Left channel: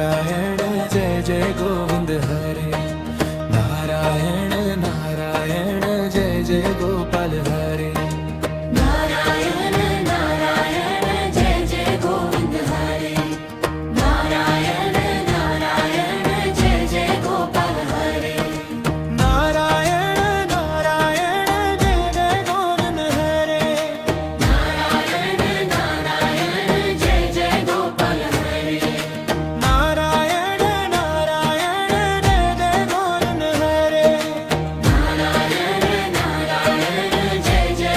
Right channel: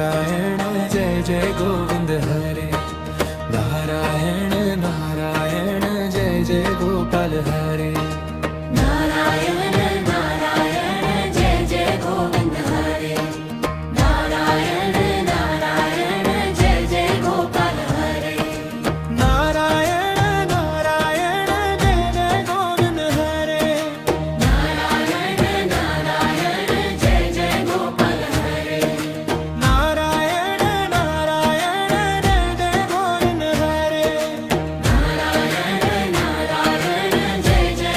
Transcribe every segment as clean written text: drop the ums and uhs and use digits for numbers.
नारायण जय जय गोविंद हरे। नारायण नारायण जय जय गोपाल हरे। नारायण नारायण जय जय गोविंद हरे। नारायण नारायण जय जय गोपाल हरे। नारायण नारायण जय जय गोविंद हरे। नारायण नारायण जय जय गोपाल हरे। नारायण नारायण जय जय गोविंद हरे। नारायण नारायण जय जय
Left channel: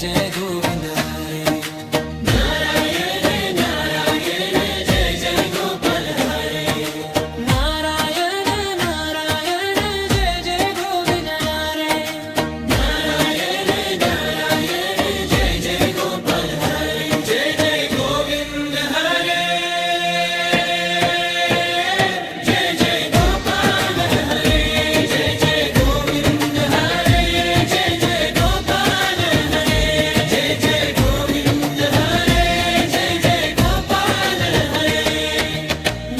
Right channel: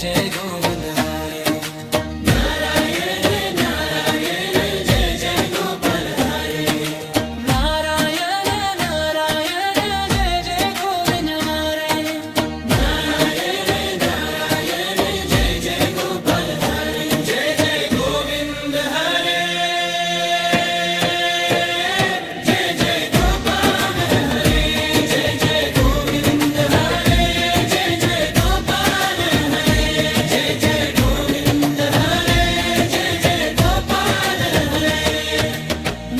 जय गोविंद हरे नारायण नारायण जय जय गोविंद हरे जय जय गोविंद हरे जय जय गोपाल हरे जय जय गोविंद हरे जय जय गोपाल हरे जय जय गोविंद हरे जय जय गोपाल हरे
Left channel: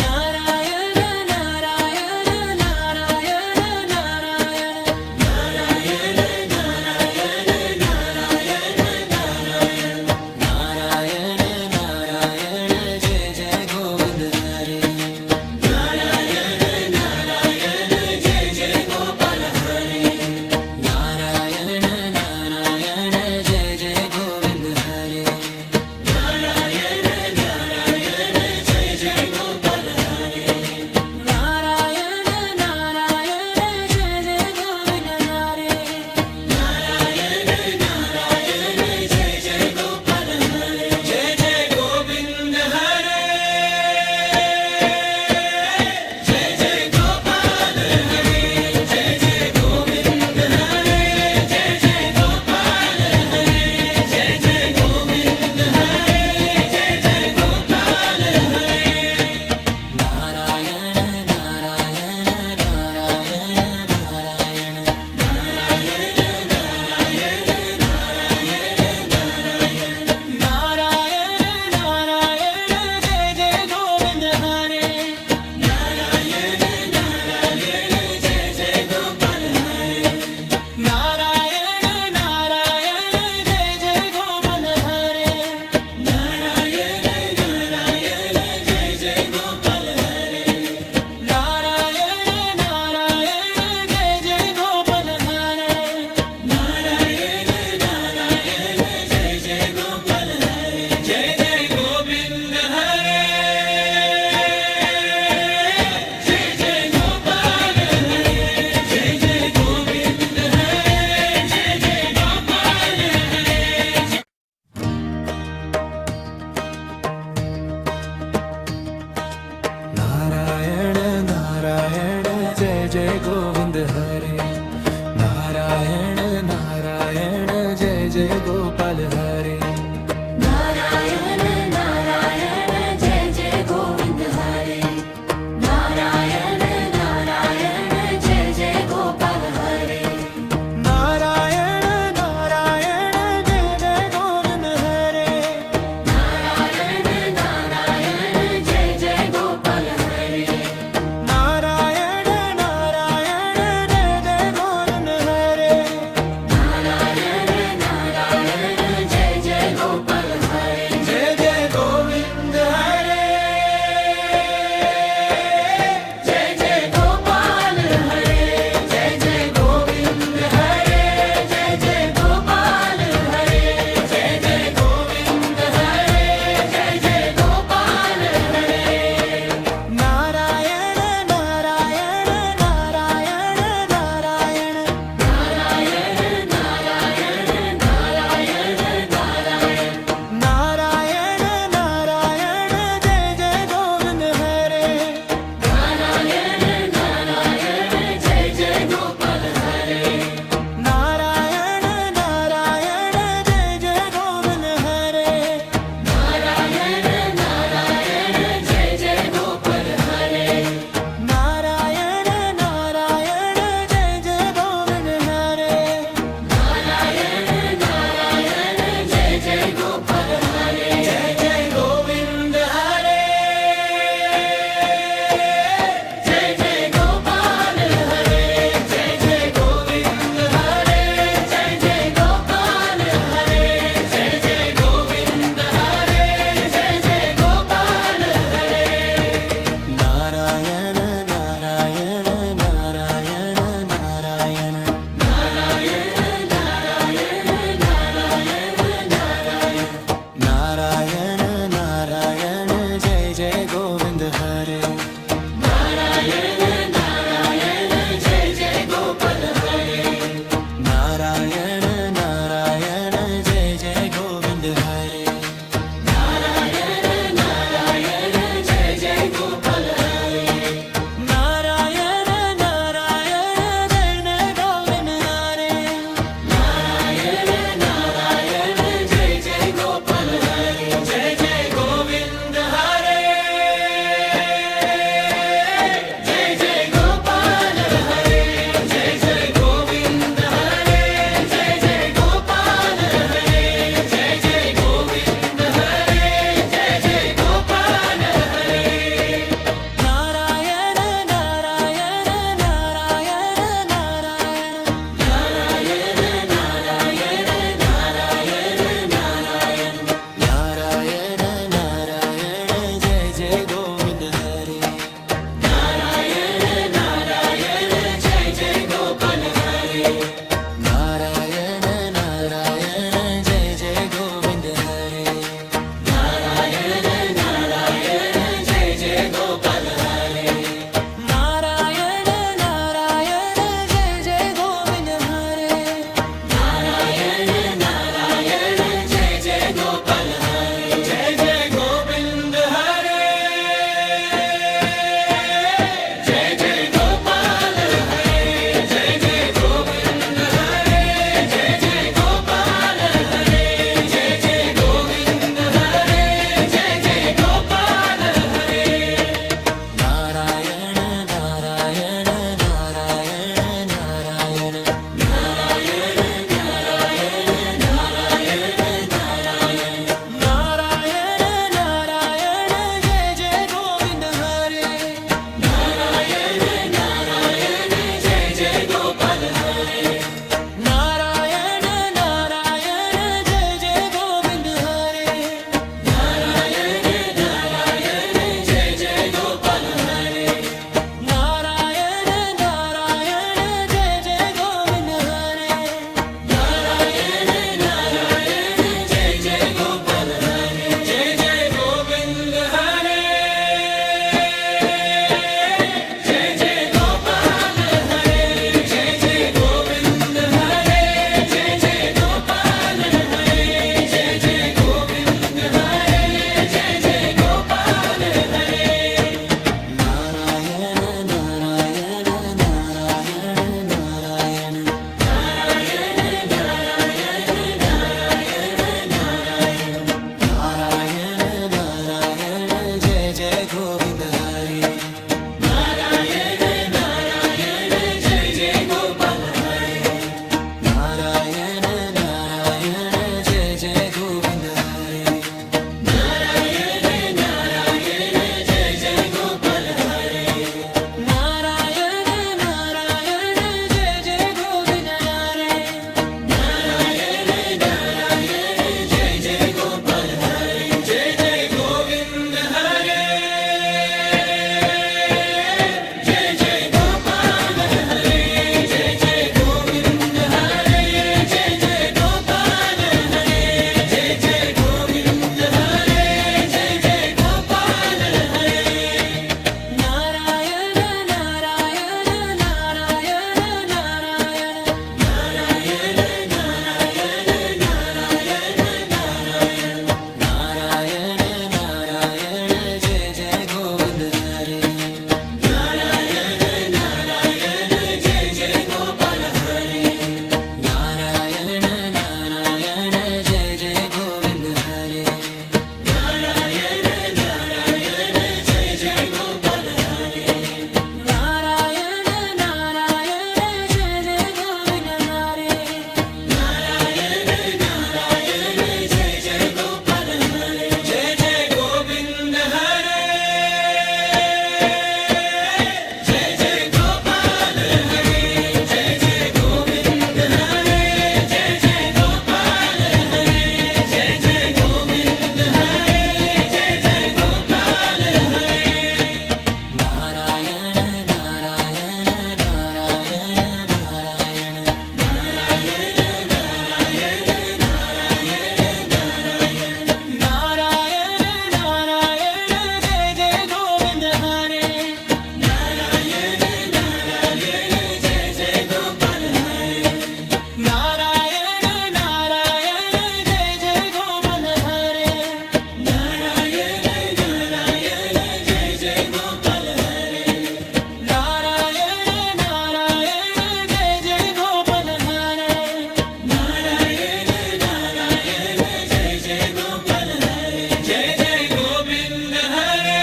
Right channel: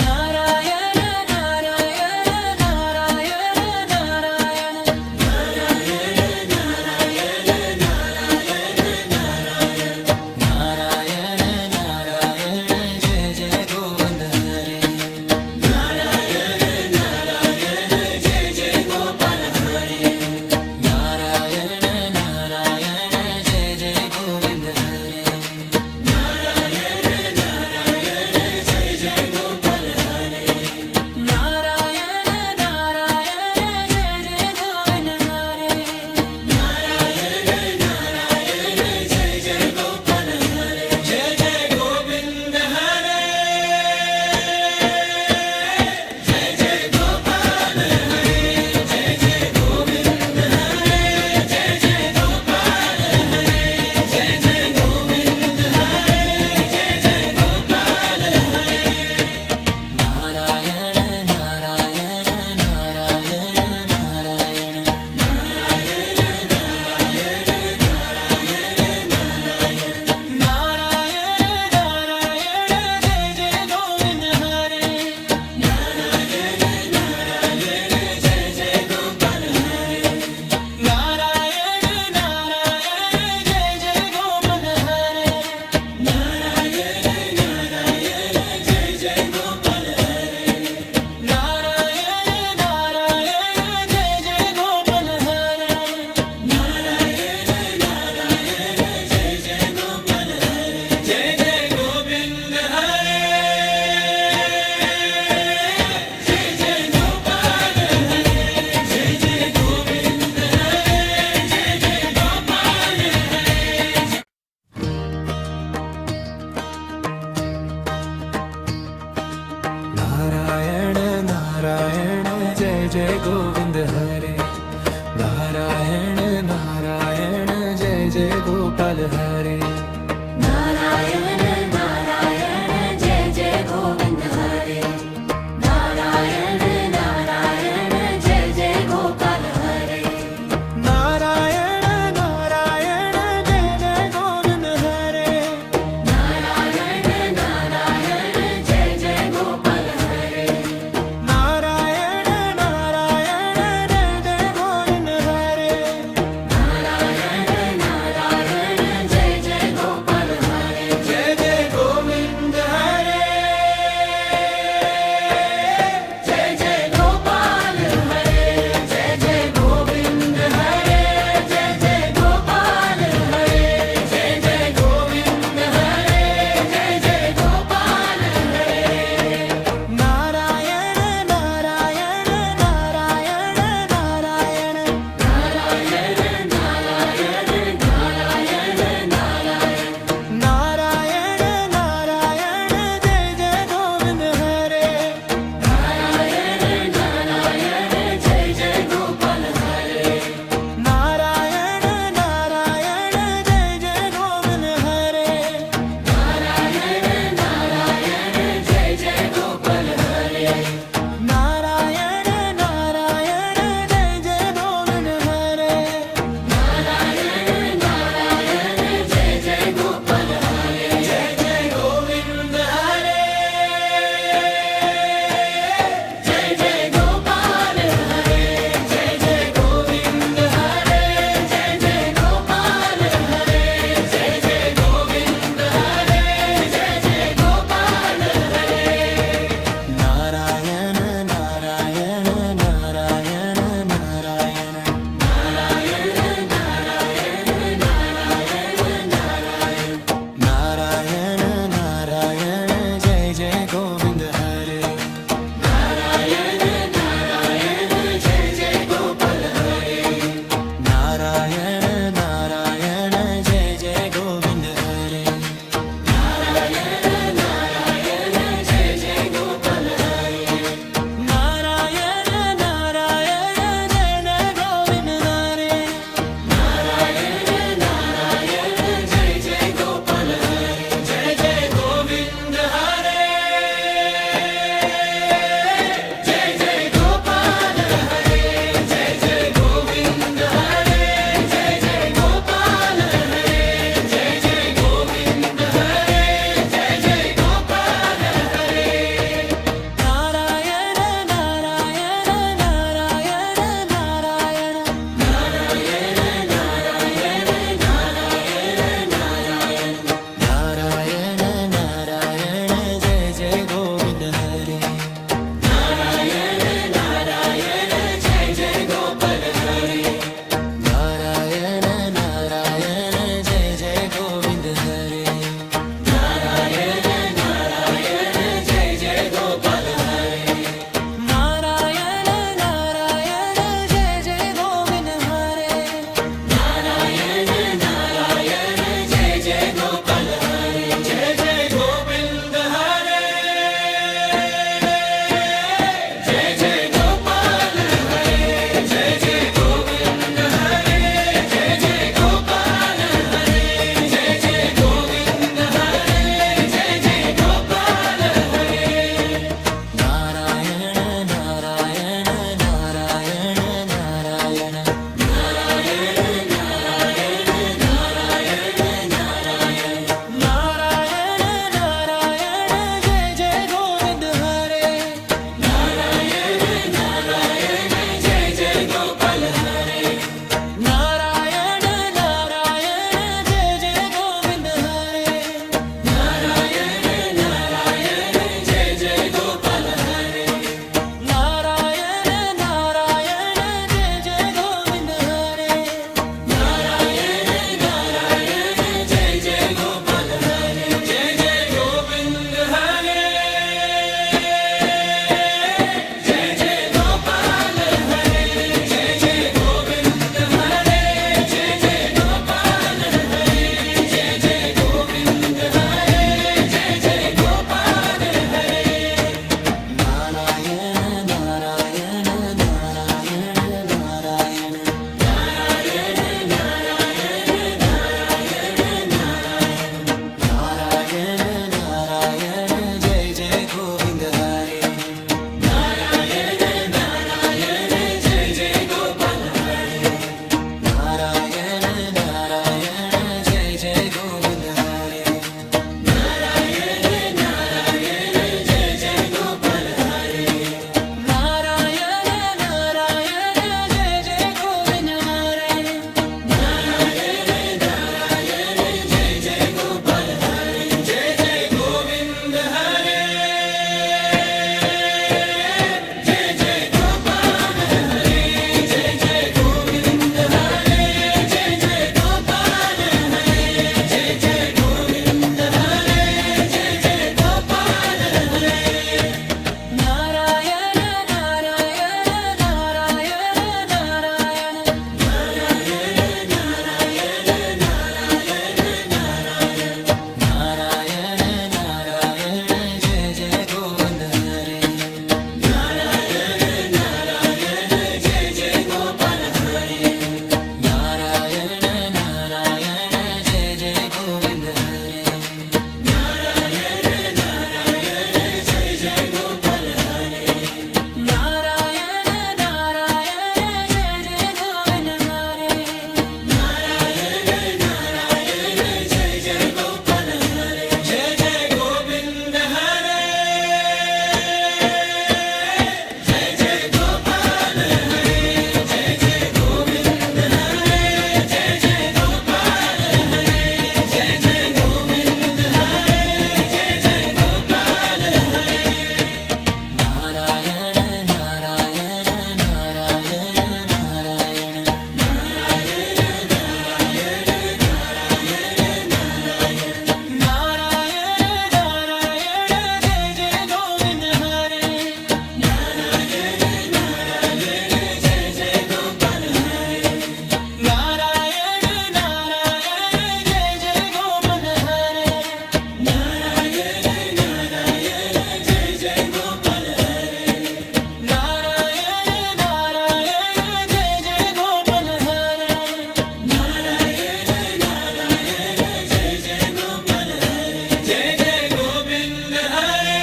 नारायण नारायण नारायण नारायण नारायण नारायण जय जय गोविंद हरे नारायण नारायण जय जय गोविंद हरे नारायण नारायण जय जय गोविंद हरे जय जय गोविंद हरे जय जय गोपाल हरे जय जय गोविंद हरे जय जय गोपाल हरे जय जय गोविंद हरे जय जय गोपाल हरे नारायण नारायण नारायण नारायण नारायण नारायण जय जय गोविंद हरे नारायण नारायण जय जय गोपाल हरे नारायण नारायण जय जय गोपाल हरे जय जय गोविंद हरे जय जय गोपाल हरे जय जय गोविंद हरे जय जय गोपाल हरे नारायण नारायण जय जय गोविंद हरे नारायण नारायण जय जय गोपाल हरे नारायण नारायण जय जय गोविंद हरे नारायण नारायण जय जय गोपाल हरे नारायण नारायण जय जय गोविंद हरे नारायण नारायण जय जय गोपाल हरे नारायण नारायण जय जय गोविंद हरे नारायण नारायण जय जय गोपाल हरे जय जय गोविंद हरे नारायण नारायण जय जय गोविंद हरे जय जय गोविंद हरे जय जय गोपाल हरे जय जय गोविंद हरे जय जय गोपाल हरे जय जय गोविंद हरे जय जय गोपाल हरे नारायण नारायण नारायण नारायण नारायण नारायण जय जय गोविंद हरे नारायण नारायण जय जय गोविंद हरे नारायण नारायण जय जय गोविंद हरे जय जय गोविंद हरे जय जय गोपाल हरे जय जय गोविंद हरे जय जय गोपाल हरे जय जय गोविंद हरे जय जय गोपाल हरे नारायण नारायण नारायण नारायण नारायण नारायण जय जय गोविंद हरे नारायण नारायण जय जय गोविंद हरे नारायण नारायण जय जय गोपाल हरे जय जय गोविंद हरे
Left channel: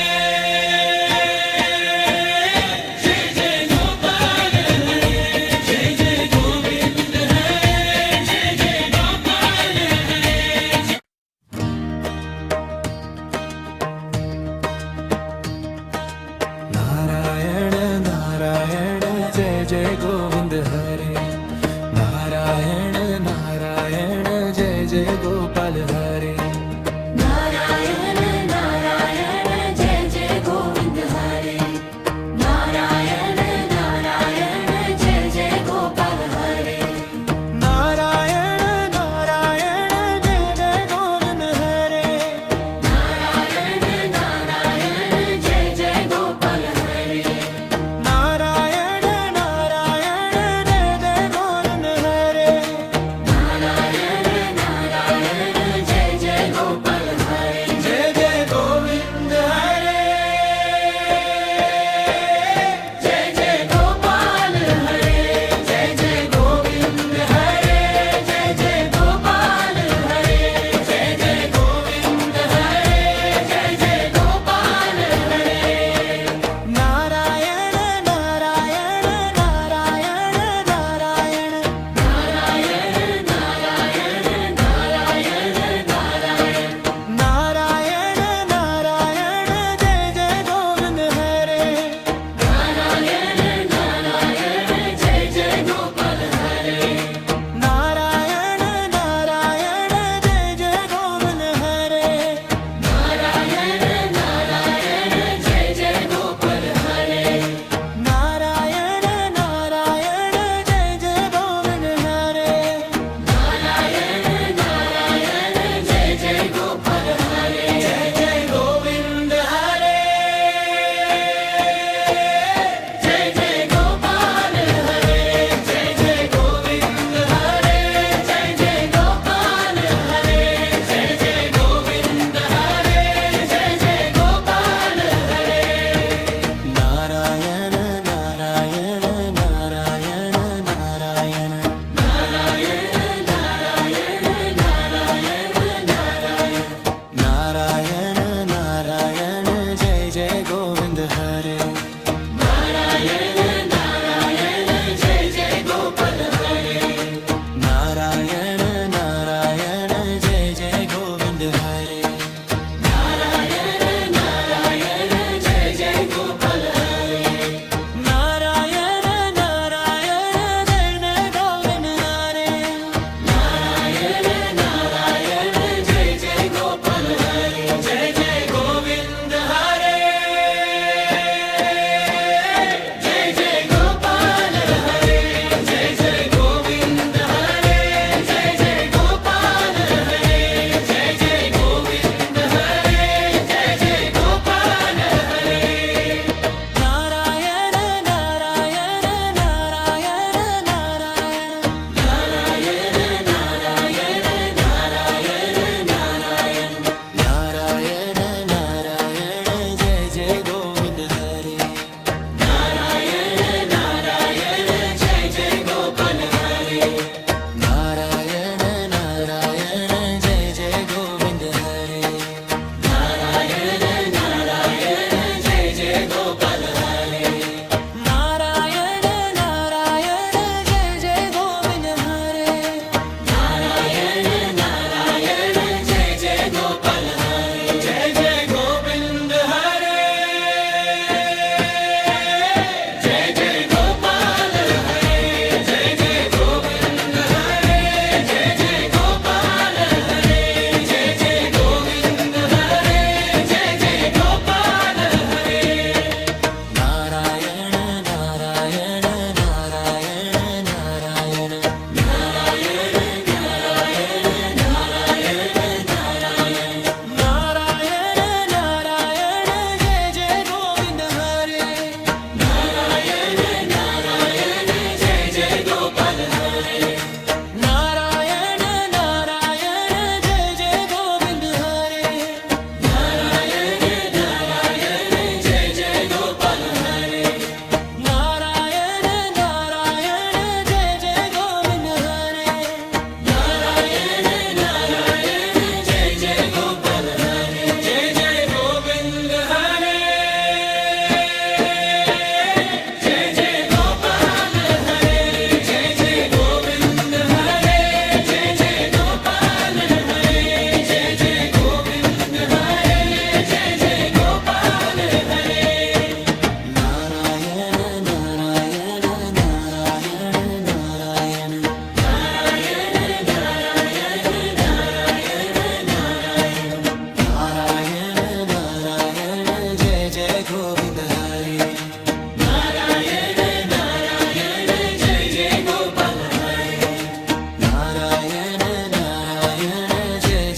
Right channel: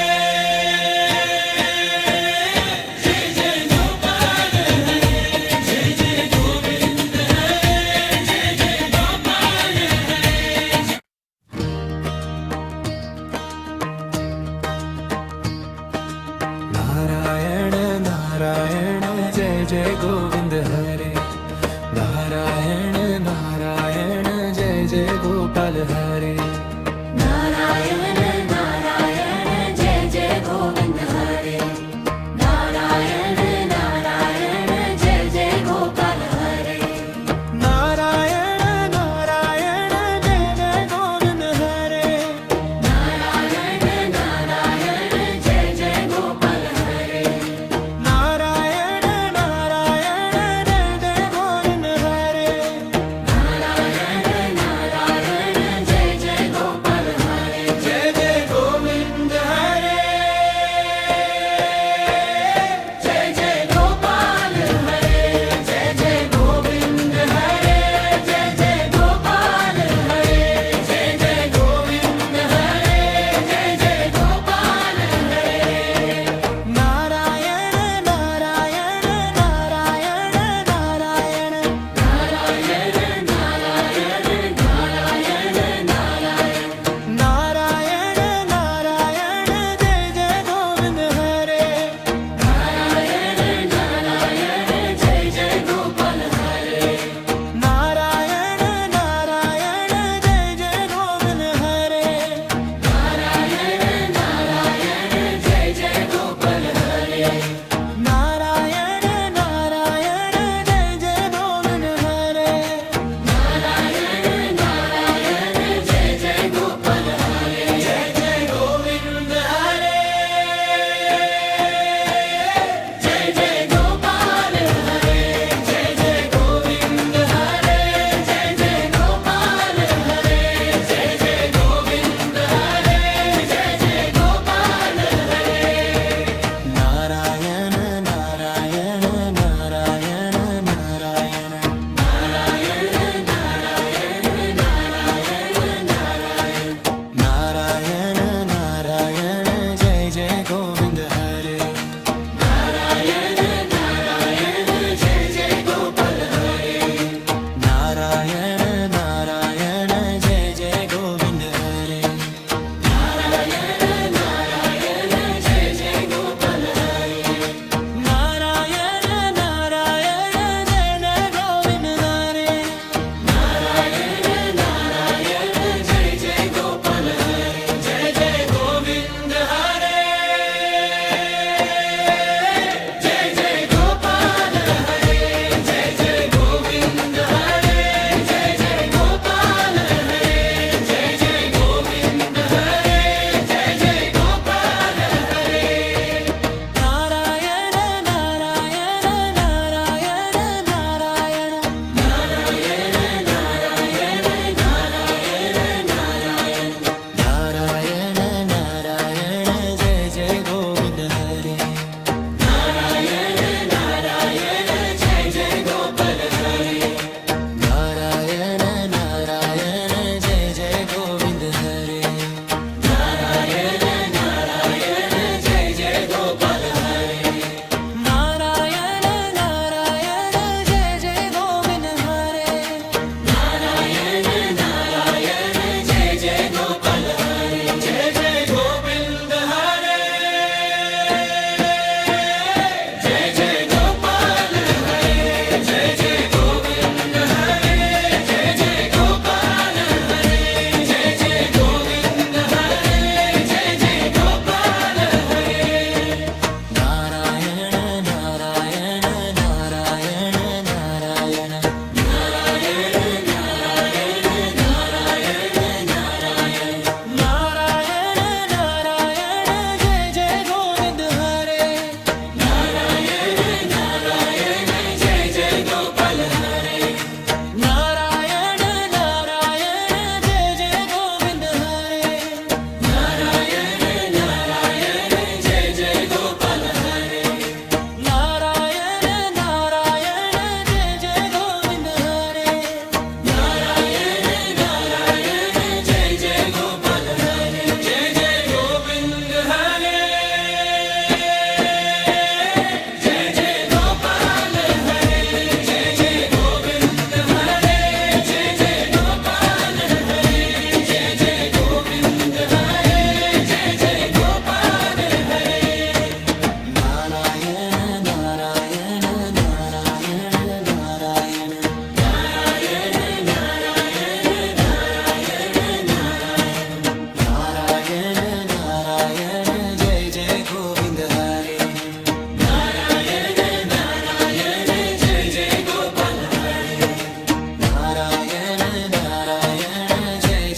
जय जय गोपाल हरे जय जय गोविंद हरे जय जय गोपाल हरे नारायण नारायण जय जय गोविंद हरे नारायण नारायण जय जय गोपाल हरे नारायण नारायण जय जय गोविंद हरे नारायण नारायण जय जय गोपाल हरे नारायण नारायण जय जय गोविंद हरे नारायण नारायण जय जय गोपाल हरे नारायण नारायण जय जय गोविंद हरे नारायण नारायण जय जय गोपाल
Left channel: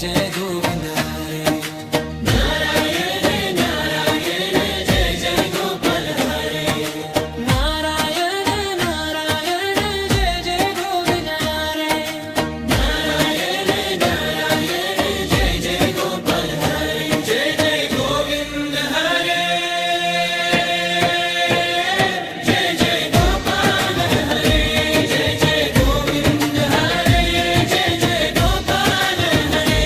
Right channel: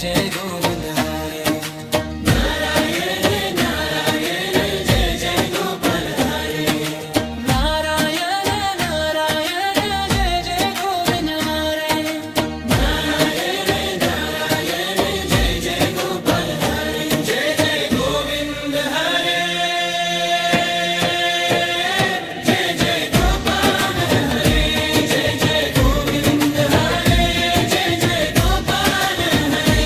जय गोविंद हरे नारायण नारायण जय जय गोविंद हरे जय जय गोविंद हरे जय जय गोपाल हरे जय जय गोविंद हरे जय जय गोपाल हरे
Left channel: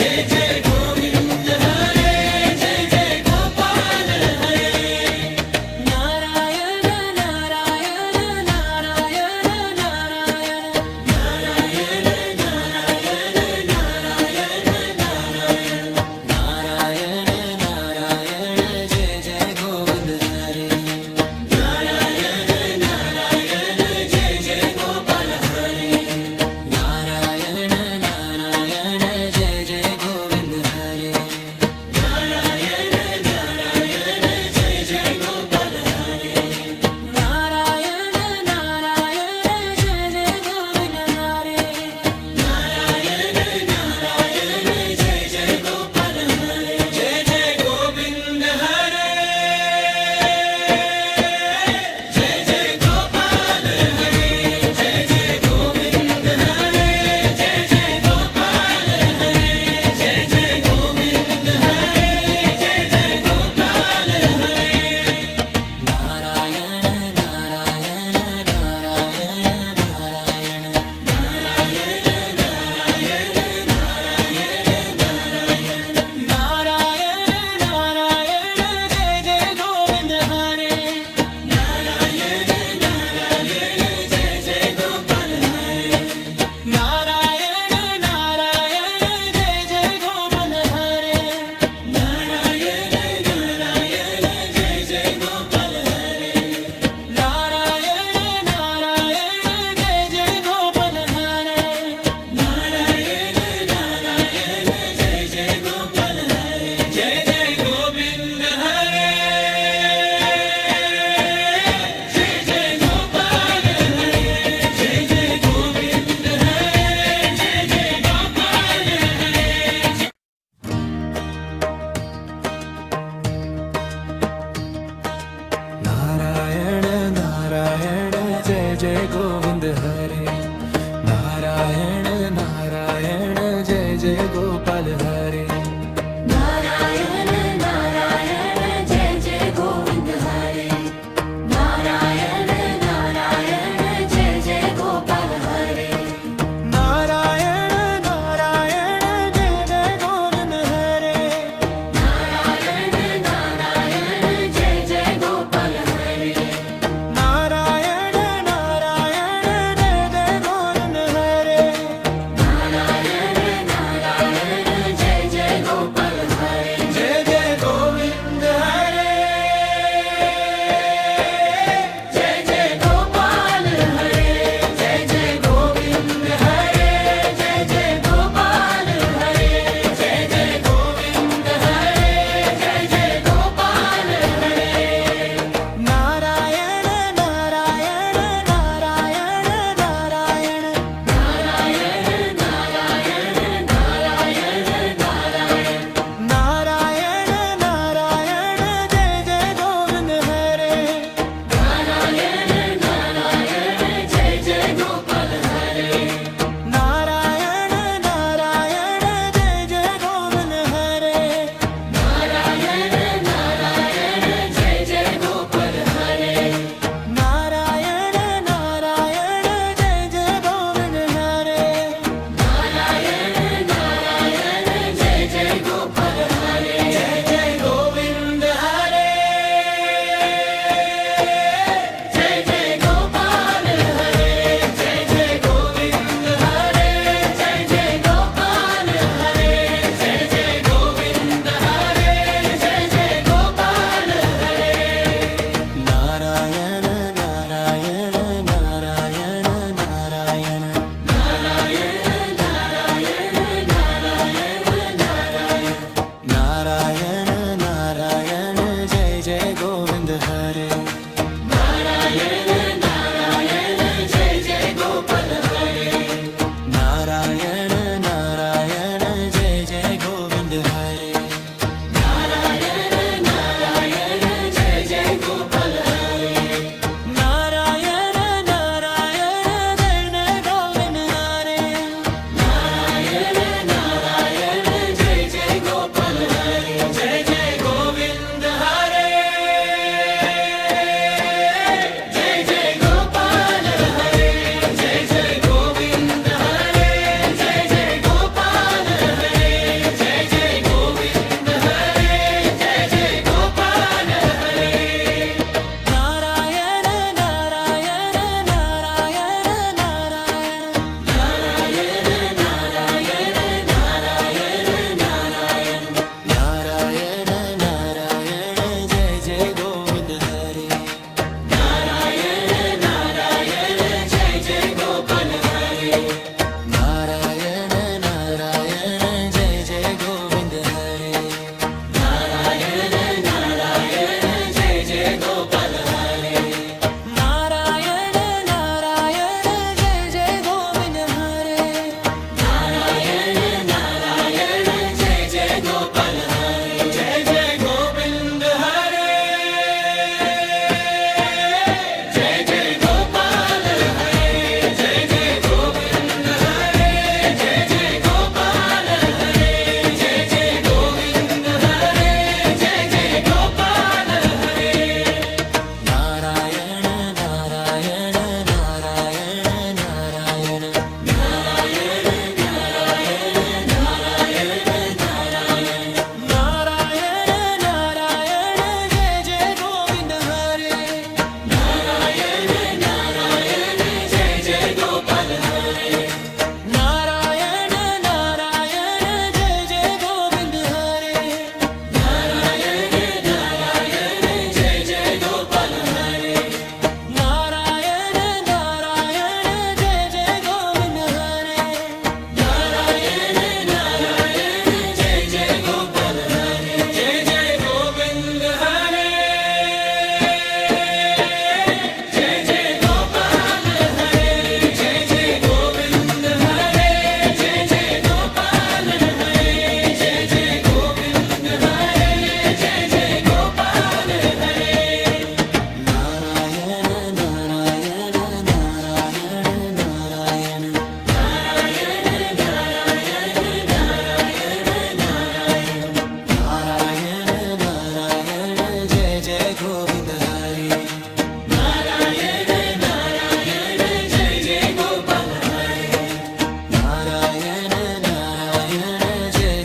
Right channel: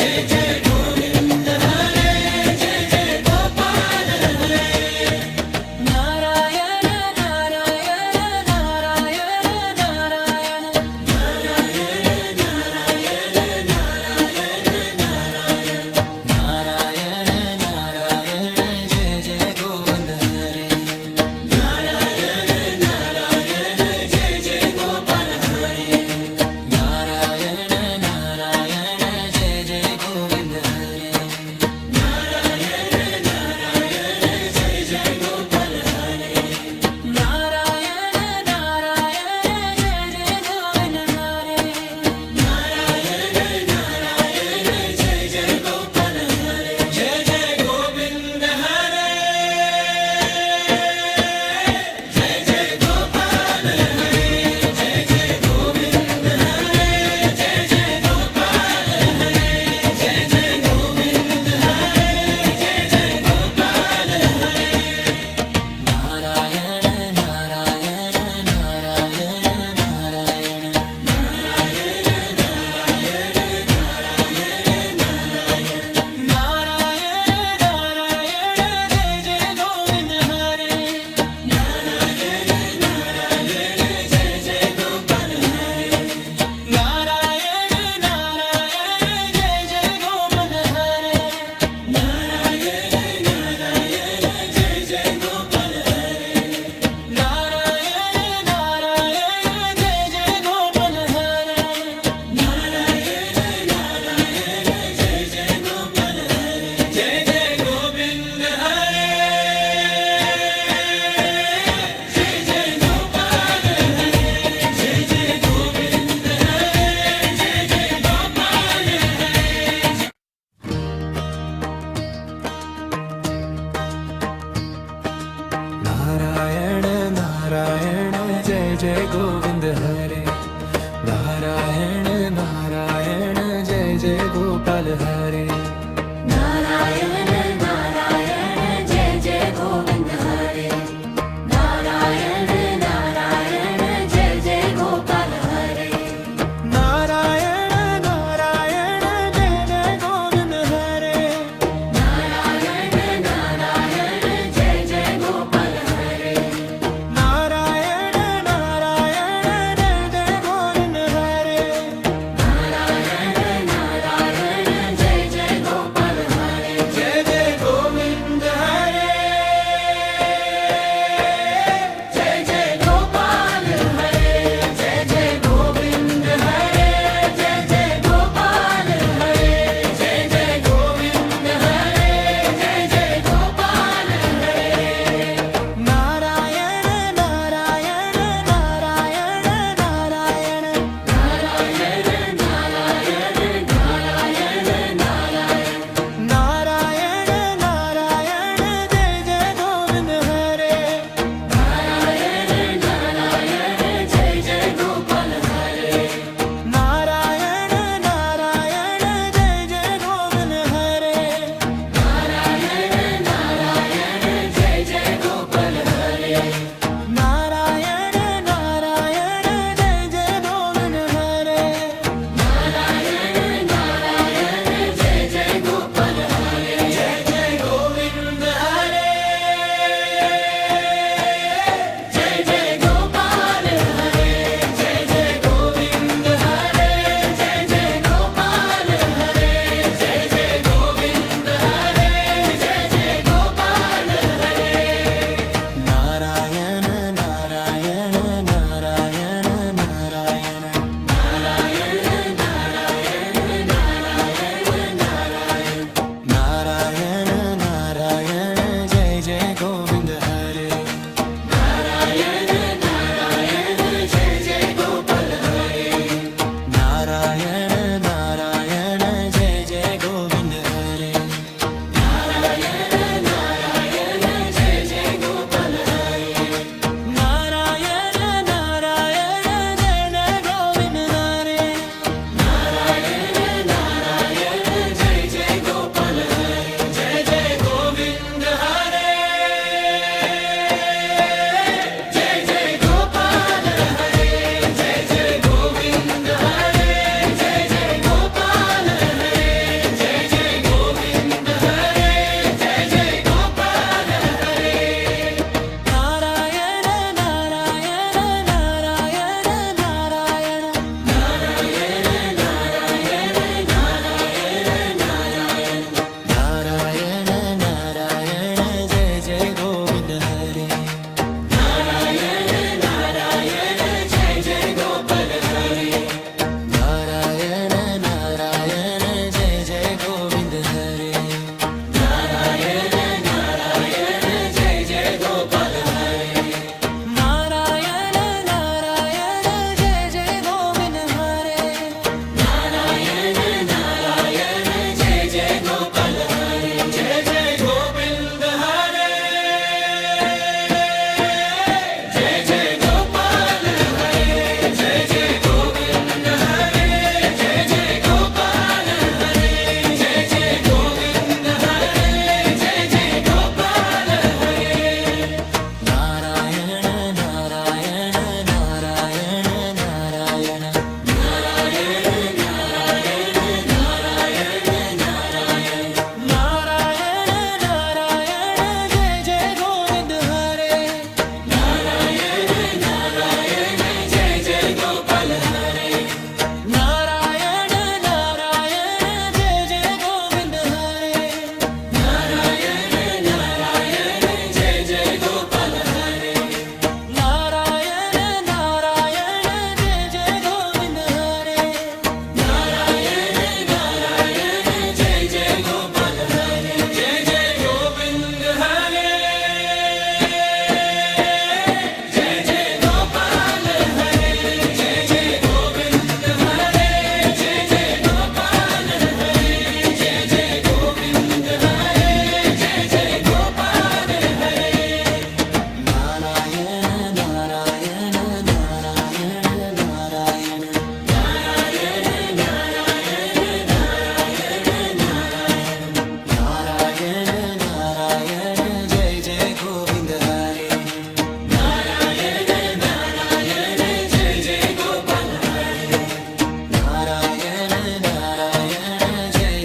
जय जय गोविंद हरे जय जय गोपाल हरे नारायण नारायण नारायण नारायण नारायण नारायण जय जय गोविंद हरे नारायण नारायण जय जय गोविंद हरे नारायण नारायण जय जय गोविंद हरे जय जय गोविंद हरे जय जय गोपाल हरे जय जय गोविंद हरे जय जय गोपाल हरे जय जय गोविंद हरे जय जय गोपाल हरे नारायण नारायण नारायण नारायण नारायण नारायण जय जय गोविंद हरे नारायण नारायण जय जय गोविंद हरे नारायण नारायण जय जय गोपाल हरे जय जय गोविंद हरे जय जय गोपाल हरे जय जय गोविंद हरे जय जय गोपाल हरे नारायण नारायण जय जय गोविंद हरे नारायण नारायण जय जय गोपाल हरे नारायण नारायण जय जय गोविंद हरे नारायण नारायण जय जय गोपाल हरे नारायण नारायण जय जय गोविंद हरे नारायण नारायण जय जय गोपाल हरे नारायण नारायण जय जय गोविंद हरे नारायण नारायण जय जय गोपाल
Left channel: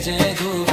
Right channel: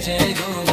जय गोविंद